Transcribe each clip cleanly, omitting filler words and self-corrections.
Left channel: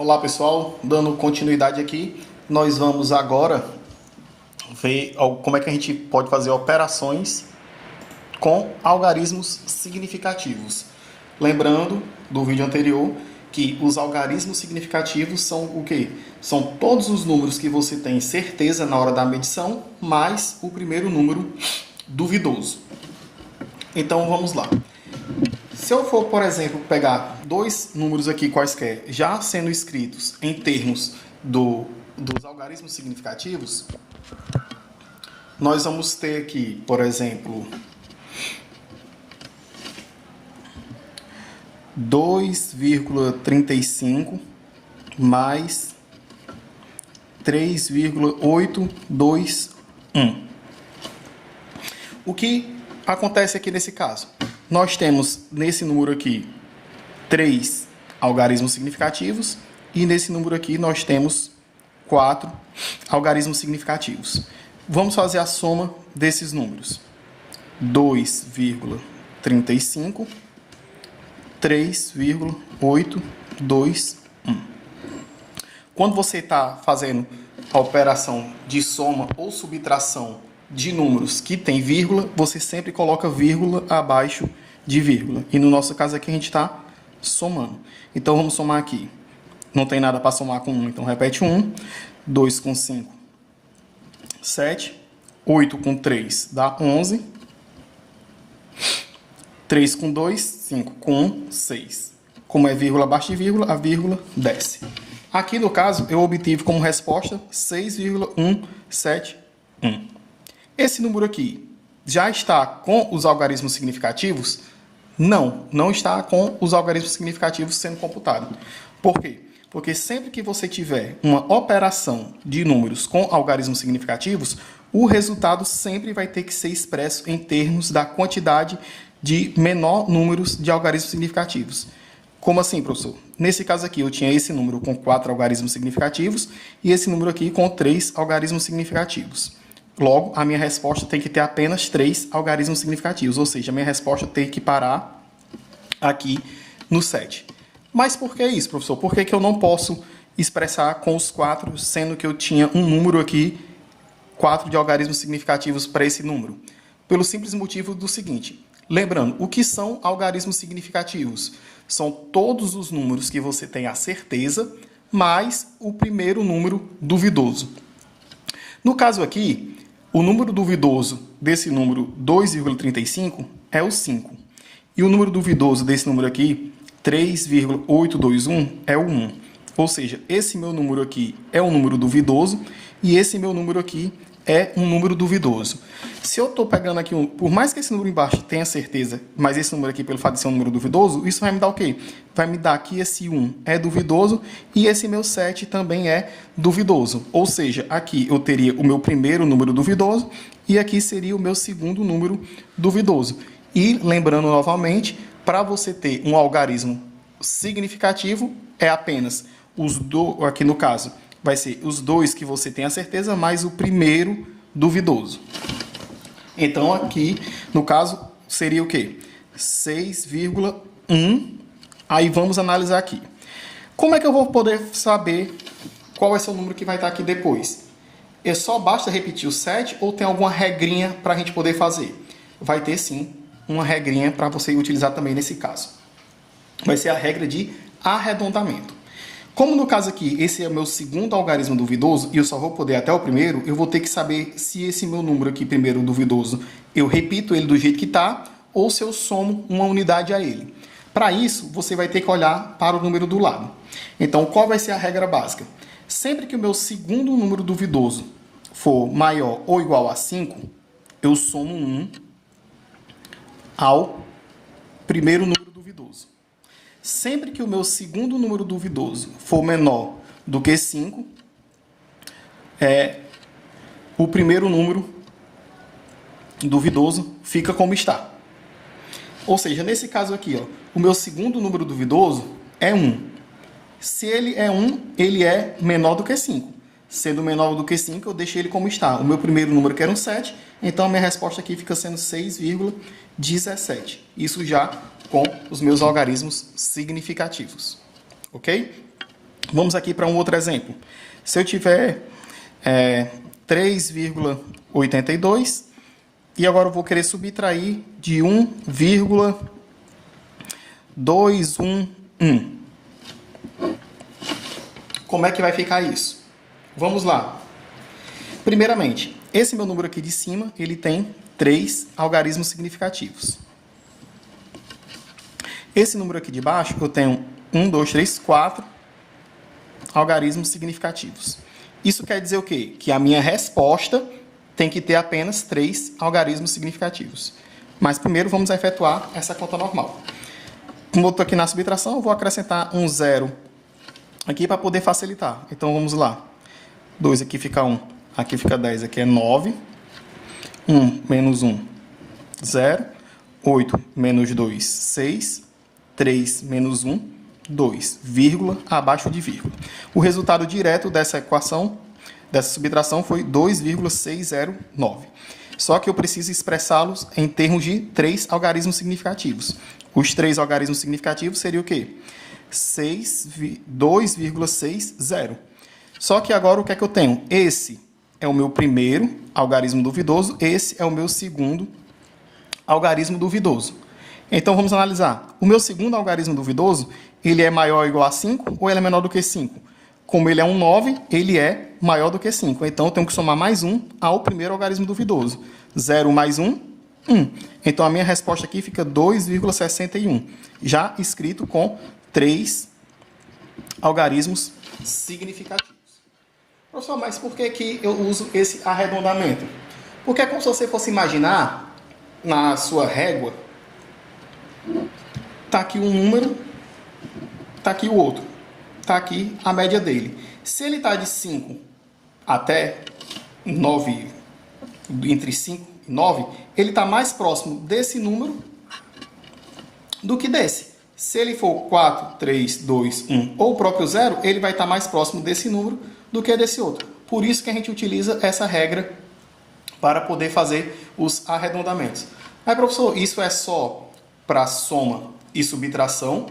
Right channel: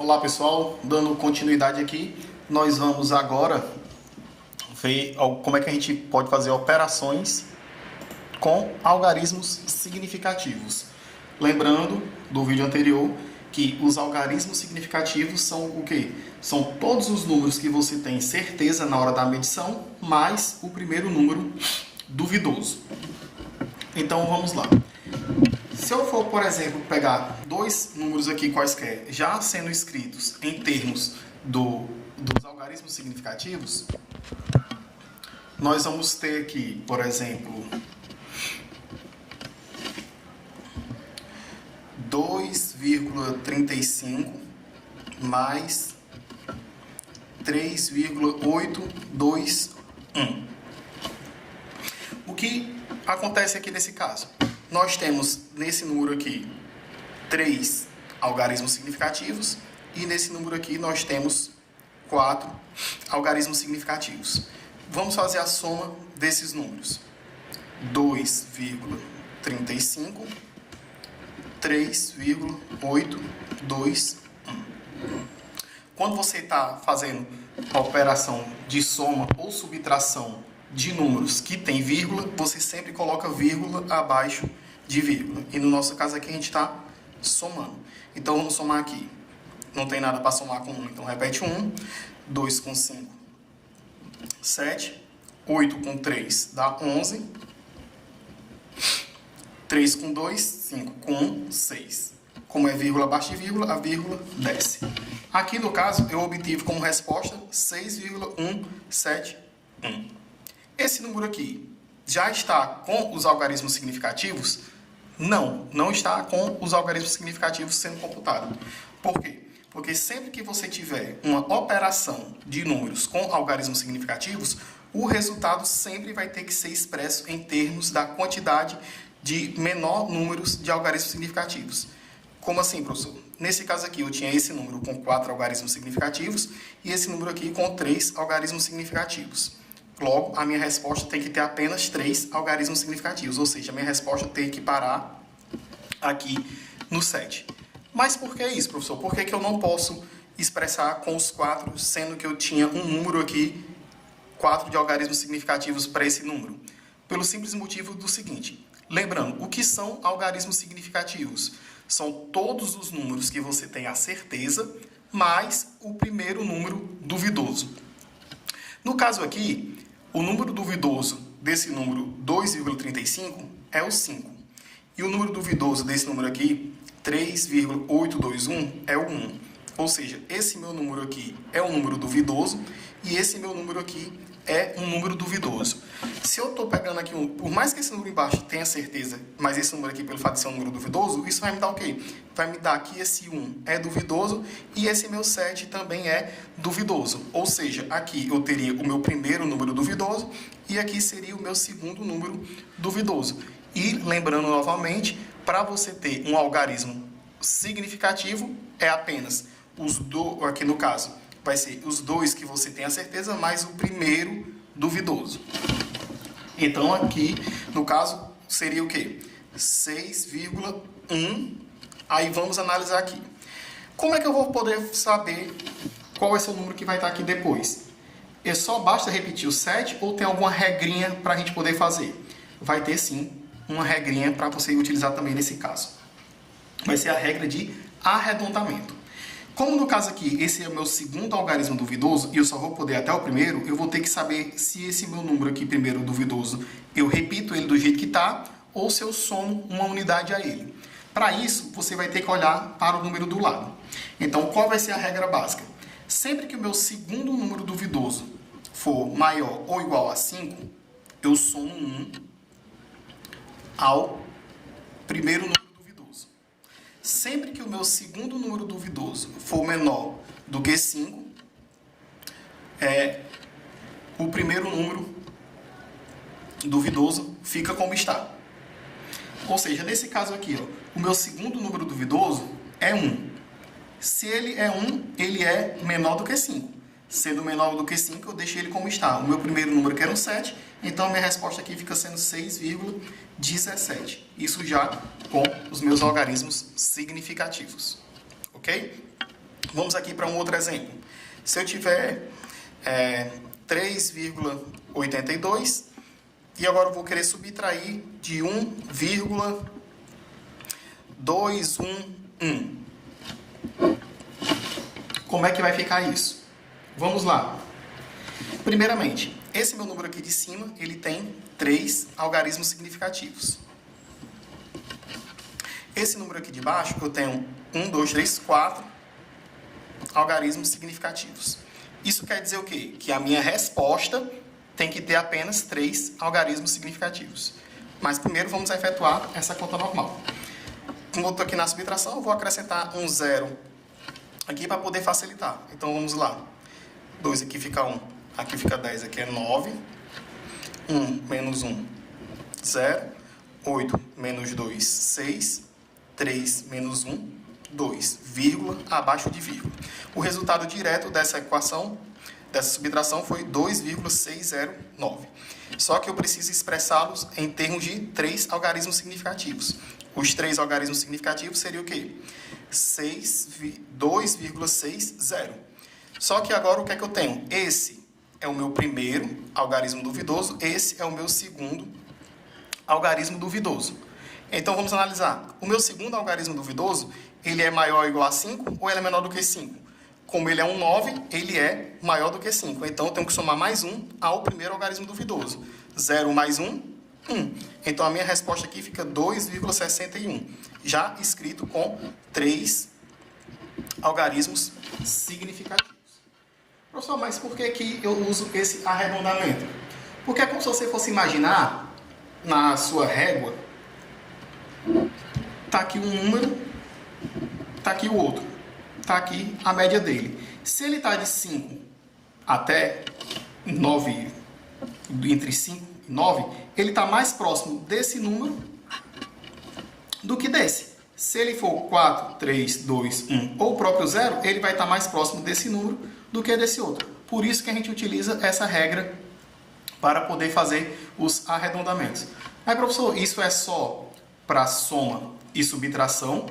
Olá pessoal, dando continuidade aqui, nós vamos agora ver como é que a gente pode fazer operações com algarismos significativos. Lembrando do vídeo anterior que os algarismos significativos são o quê? São todos os números que você tem certeza na hora da medição, mais o primeiro número duvidoso. Então vamos lá. Se eu for, por exemplo, pegar dois números aqui quaisquer, já sendo escritos em termos dos algarismos significativos, nós vamos ter aqui, por exemplo, 2,35 mais 3,821. O que acontece aqui nesse caso? Nós temos nesse número aqui 3 algarismos significativos e nesse número aqui nós temos 4 algarismos significativos. Vamos fazer a soma desses números. 2,35, 3,821. Quando você está fazendo a operação de soma ou subtração de números que tem vírgula, você sempre coloca vírgula abaixo de vírgula. E no nosso caso aqui a gente está somando. Então vamos somar aqui. Não tem nada para somar com 1, então repete 1. 2 com 5, 7. 8 com 3 dá 11. 3 com 2, 5 com 1, 6. Como é vírgula abaixo de vírgula, a vírgula desce. Aqui no caso eu obtive como resposta 6,171. Esse número aqui já está com os algarismos significativos? Não, não está com os algarismos significativos sendo computado. Por quê? Porque sempre que você tiver uma operação de números com algarismos significativos, o resultado sempre vai ter que ser expresso em termos da quantidade de menor números de algarismos significativos. Como assim, professor? Nesse caso aqui, eu tinha esse número com 4 algarismos significativos e esse número aqui com 3 algarismos significativos. Logo, a minha resposta tem que ter apenas 3 algarismos significativos, ou seja, a minha resposta tem que parar aqui no 7. Mas por que isso, professor? Por que eu não posso expressar com os 4, sendo que eu tinha um número aqui, 4 de algarismos significativos para esse número? Pelo simples motivo do seguinte, lembrando, o que são algarismos significativos? São todos os números que você tem a certeza, mais o primeiro número duvidoso. No caso aqui, o número duvidoso desse número 2,35 é o 5. E o número duvidoso desse número aqui, 3,821, é o 1. Ou seja, esse meu número aqui é um número duvidoso e esse meu número aqui é um número duvidoso. Se eu estou pegando aqui, por mais que esse número embaixo tenha certeza, mas esse número aqui, pelo fato de ser um número duvidoso, isso vai me dar o quê? Vai me dar que esse 1 é duvidoso e esse meu 7 também é duvidoso. Ou seja, aqui eu teria o meu primeiro número duvidoso e aqui seria o meu segundo número duvidoso. E, lembrando novamente, para você ter um algarismo significativo, é apenas aqui no caso, vai ser os 2 que você tem a certeza, mais o primeiro duvidoso. Então, aqui, no caso, seria o quê? 6,1. Aí, vamos analisar aqui. Como é que eu vou poder saber qual vai ser o número que vai estar aqui depois? Só basta repetir o 7 ou tem alguma regrinha para a gente poder fazer? Vai ter, sim, uma regrinha para você utilizar também nesse caso. Vai ser a regra de arredondamento. Como no caso aqui, esse é o meu segundo algarismo duvidoso e eu só vou poder até o primeiro, eu vou ter que saber se esse meu número aqui, primeiro duvidoso, eu repito ele do jeito que está ou se eu somo uma unidade a ele. Para isso, você vai ter que olhar para o número do lado. Então, qual vai ser a regra básica? Sempre que o meu segundo número duvidoso for maior ou igual a 5, eu somo 1 ao primeiro número duvidoso. Sempre que o meu segundo número duvidoso for menor do que 5, o primeiro número duvidoso fica como está. Ou seja, nesse caso aqui, o meu segundo número duvidoso é 1. Se ele é 1, ele é menor do que 5. Sendo menor do que 5, eu deixei ele como está. O meu primeiro número que era um 7, então a minha resposta aqui fica sendo 6,17. Isso já com os meus algarismos significativos. Ok? Vamos aqui para um outro exemplo. Se eu tiver 3,82 e agora eu vou querer subtrair de 1,211. Como é que vai ficar isso? Vamos lá. Primeiramente, esse meu número aqui de cima, ele tem 3 algarismos significativos. Esse número aqui de baixo, eu tenho 1, 2, 3, 4 algarismos significativos. Isso quer dizer o quê? Que a minha resposta tem que ter apenas 3 algarismos significativos. Mas primeiro vamos efetuar essa conta normal. Como eu estou aqui na subtração, eu vou acrescentar um 0 aqui para poder facilitar. Então vamos lá. 2 aqui fica 1, aqui fica 10, aqui é 9. 1 menos 1, 0. 8 menos 2, 6. 3 menos 1, 2, vírgula, abaixo de vírgula. O resultado direto dessa equação, dessa subtração, foi 2,609. Só que eu preciso expressá-los em termos de 3 algarismos significativos. Os 3 algarismos significativos seriam o quê? 2,60. Só que agora o que é que eu tenho? Esse é o meu primeiro algarismo duvidoso, esse é o meu segundo algarismo duvidoso. Então, vamos analisar. O meu segundo algarismo duvidoso, ele é maior ou igual a 5 ou ele é menor do que 5? Como ele é um 9, ele é maior do que 5. Então, eu tenho que somar mais 1 ao primeiro algarismo duvidoso. 0 mais 1, 1. Então, a minha resposta aqui fica 2,61. Já escrito com 3 algarismos significativos. Professor, mas por que eu uso esse arredondamento? Porque é como se você fosse imaginar na sua régua. Está aqui um número, está aqui o outro, está aqui a média dele. Se ele está de 5 até 9, entre 5 e 9, ele está mais próximo desse número do que desse. Se ele for 4, 3, 2, 1 ou o próprio 0, ele vai estar mais próximo desse número do que desse outro. Por isso que a gente utiliza essa regra para poder fazer os arredondamentos. Mas, professor, isso é só para soma e subtração?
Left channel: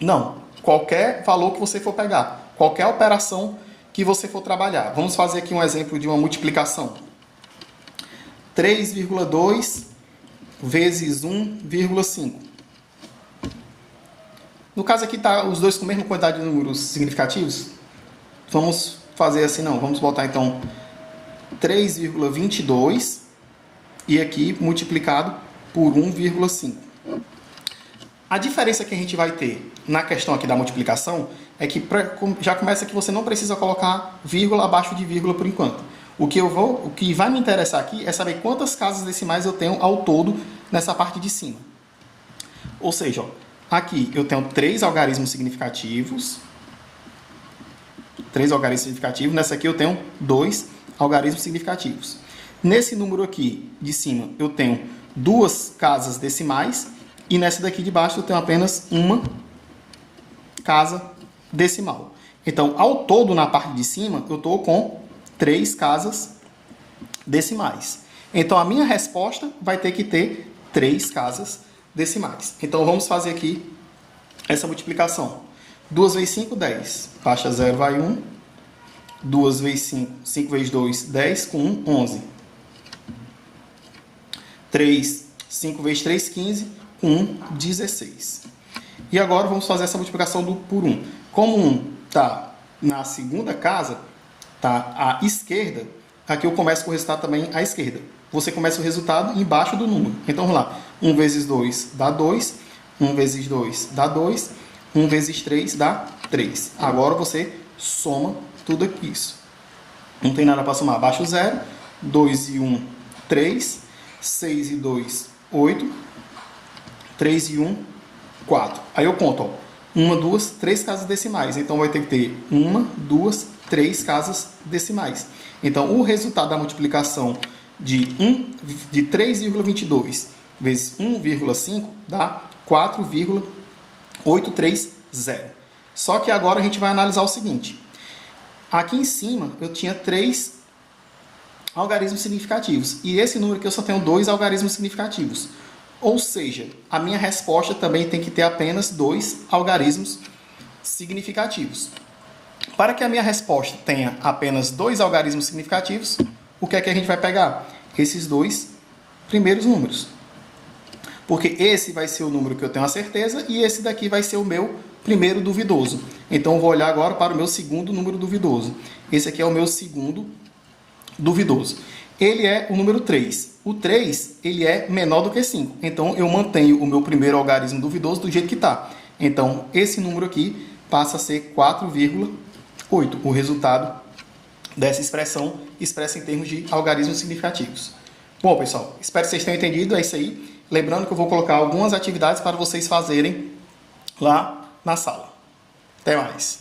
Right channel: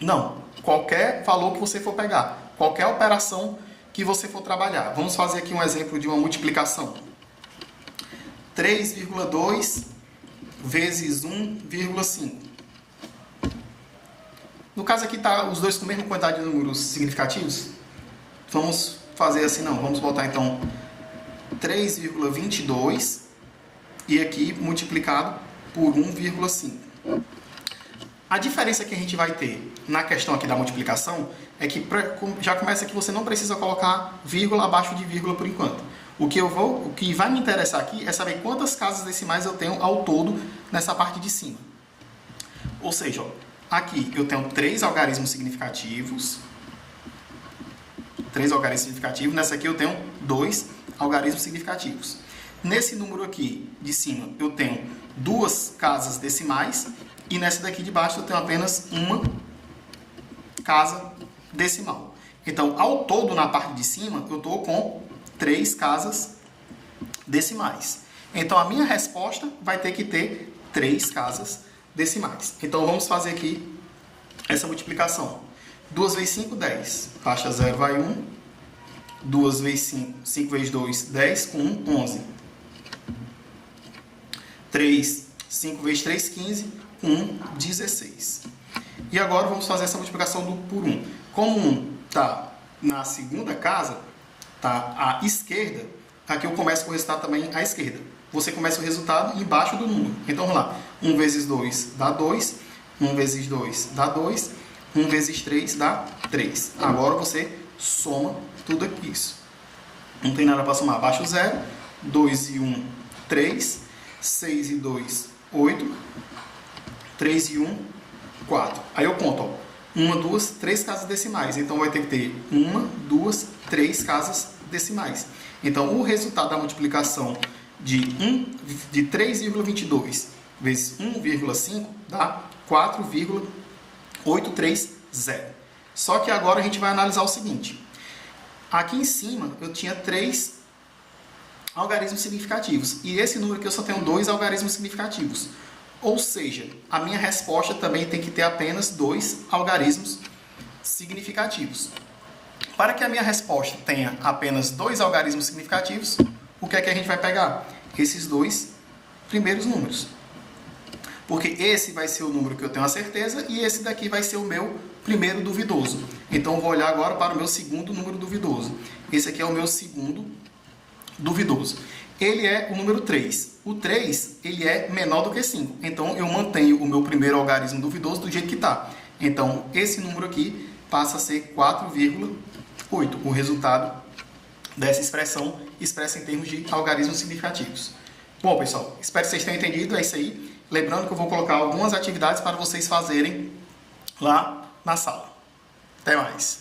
Não. Qualquer valor que você for pegar, qualquer operação que você for trabalhar. Vamos fazer aqui um exemplo de uma multiplicação. 3,2 vezes 1,5. No caso aqui está os dois com a mesma quantidade de números significativos. Vamos fazer assim, não. Vamos botar então 3,22 e aqui multiplicado por 1,5. A diferença que a gente vai ter na questão aqui da multiplicação é que já começa que você não precisa colocar vírgula abaixo de vírgula por enquanto. O que vai me interessar aqui é saber quantas casas decimais eu tenho ao todo nessa parte de cima. Ou seja, ó, aqui eu tenho 3 algarismos significativos. 3 algarismos significativos. Nessa aqui eu tenho 2 algarismos significativos. Nesse número aqui de cima eu tenho 2 casas decimais. E nessa daqui de baixo eu tenho apenas uma casa decimal. Então, ao todo, na parte de cima, eu estou com 3 casas decimais. Então, a minha resposta vai ter que ter 3 casas decimais. Então, vamos fazer aqui essa multiplicação. 2 vezes 5, 10. Baixa 0, vai 1. 2 vezes 5, 5 vezes 2, 10. Com 1, 11. 5 vezes 3, 15. 1, 16. E agora vamos fazer essa multiplicação por 1. Como 1 está na segunda casa, está à esquerda, aqui eu começo com o resultado também à esquerda. Você começa o resultado embaixo do número. Então, vamos lá. 1 vezes 2 dá 2. 1 vezes 2 dá 2. 1 vezes 3 dá 3. Agora você soma tudo aqui. Isso. Não tem nada para somar. Abaixo 0. 2 e 1, 3. 6 e 2, 8. 3 e 1, 4. Aí eu conto, ó, 1, 2, 3 casas decimais. Então, vai ter que ter 1, 2, 3 casas decimais. Então, o resultado da multiplicação de 3,22 vezes 1,5 dá 4,830. Só que agora a gente vai analisar o seguinte. Aqui em cima, eu tinha 3 algarismos significativos. E esse número aqui eu só tenho 2 algarismos significativos. Ou seja, a minha resposta também tem que ter apenas 2 algarismos significativos. Para que a minha resposta tenha apenas 2 algarismos significativos, o que é que a gente vai pegar? Esses 2 primeiros números. Porque esse vai ser o número que eu tenho a certeza e esse daqui vai ser o meu primeiro duvidoso. Então, eu vou olhar agora para o meu segundo número duvidoso. Esse aqui é o meu segundo duvidoso. Ele é o número 3. O 3, ele é menor do que 5. Então, eu mantenho o meu primeiro algarismo duvidoso do jeito que está. Então, esse número aqui passa a ser 4,8. O resultado dessa expressão expressa em termos de algarismos significativos. Bom, pessoal, espero que vocês tenham entendido. É isso aí. Lembrando que eu vou colocar algumas atividades para vocês fazerem lá na sala. Até mais!